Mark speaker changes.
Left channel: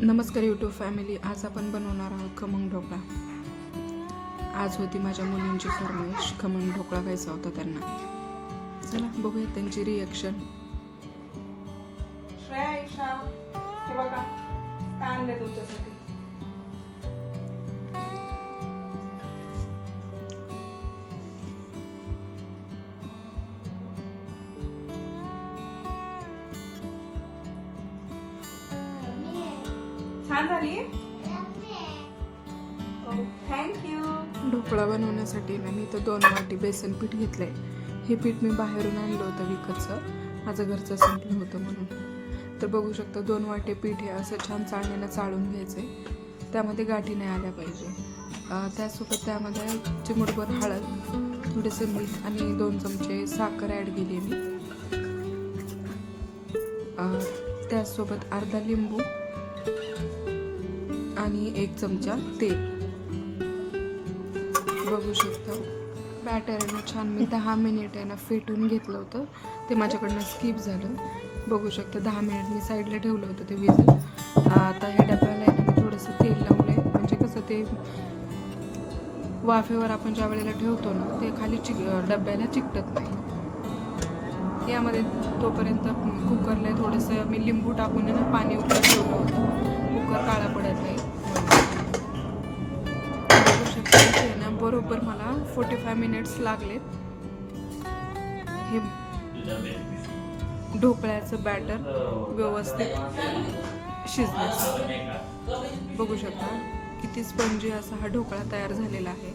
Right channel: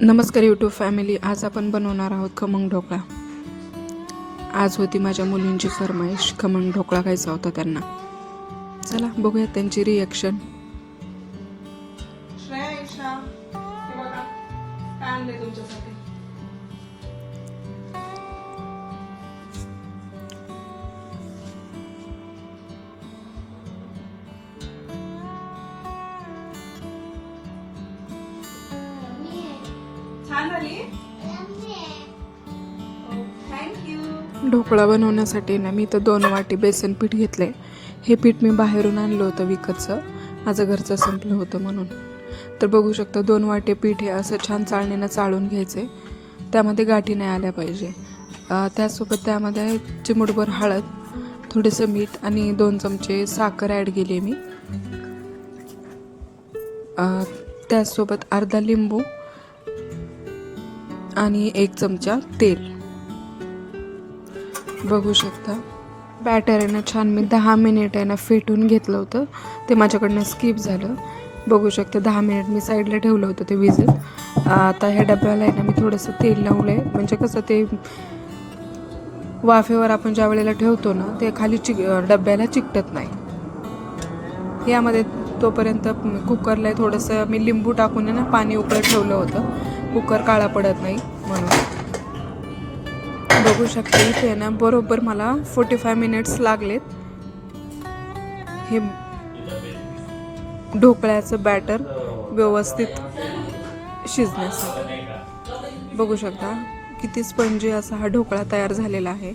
Speaker 1: नमस्कार YouTube family आज आपण बनवणार आहोत खमंग ढोकळा. आज होती माझ्या मुलींची फरमाईश खमंग ढोकळा खायचा होता त्यांना. चला बघूया त्यांची रिॲक्शन
Speaker 2: श्रेया काय आणलंय तुमच्यासाठी? छान झाली? Oh, थँक्यू
Speaker 1: ढोकळा बनवण्यासाठी ना मी तर दोन वाटी बेसन पीठ घेतले हे पीठ मी बाहेरून आणलं होतं विकतचं. माझं घरचं संपलं होतं म्हणून. तर बघू शकता दोन वाटे पीठ हे असं छान चाळणीनं चाळून घ्यायचे त्यामध्ये गाठी नाही आल्या पाहिजे. त्यासोबत त्यामध्ये एक चिमूटभर हळद थोडंसं मीठ आणि दोन चमचे साखर ॲड केली मी. त्यासोबत त्याचसोबत अर्धा लिंबू आणि एक चमचा तेल. बघू शकता. बॅटर आहे ना छान. मी दहा मिनिट आहे ना फेटून घेतलं होतं. ते माझ्याकडनं स्किप झालं. बघू शकता दहा मिनिट मी साईडला ठेवलं होतं ते विजत आता ह्या डब्याला आहे ना मी थोडंसं तेल लावलं आहे म्हणजे कसं ते वाफेवर आपण ज्या वेळेला ठेवतो ना ते खाली चिक डब्याला चिकटत नाही. यामध्ये तोपर्यंत कुकरला थोडंसं मी लिंबू टाकून आहे ना पाणी उकळत ठेवलं होतं. कुकर काळा पडत नाही म्हणून. बघू शकता इथे आहे ना बरोबर मला फोर्टी फाय मिनिट्स लागलेत. हे ढोकळ्याचं बॅटर व्यवस्थित शिजण्यास बघू शकता किती स्पंजी असा हा ढोकळा तयार झालेला आहे.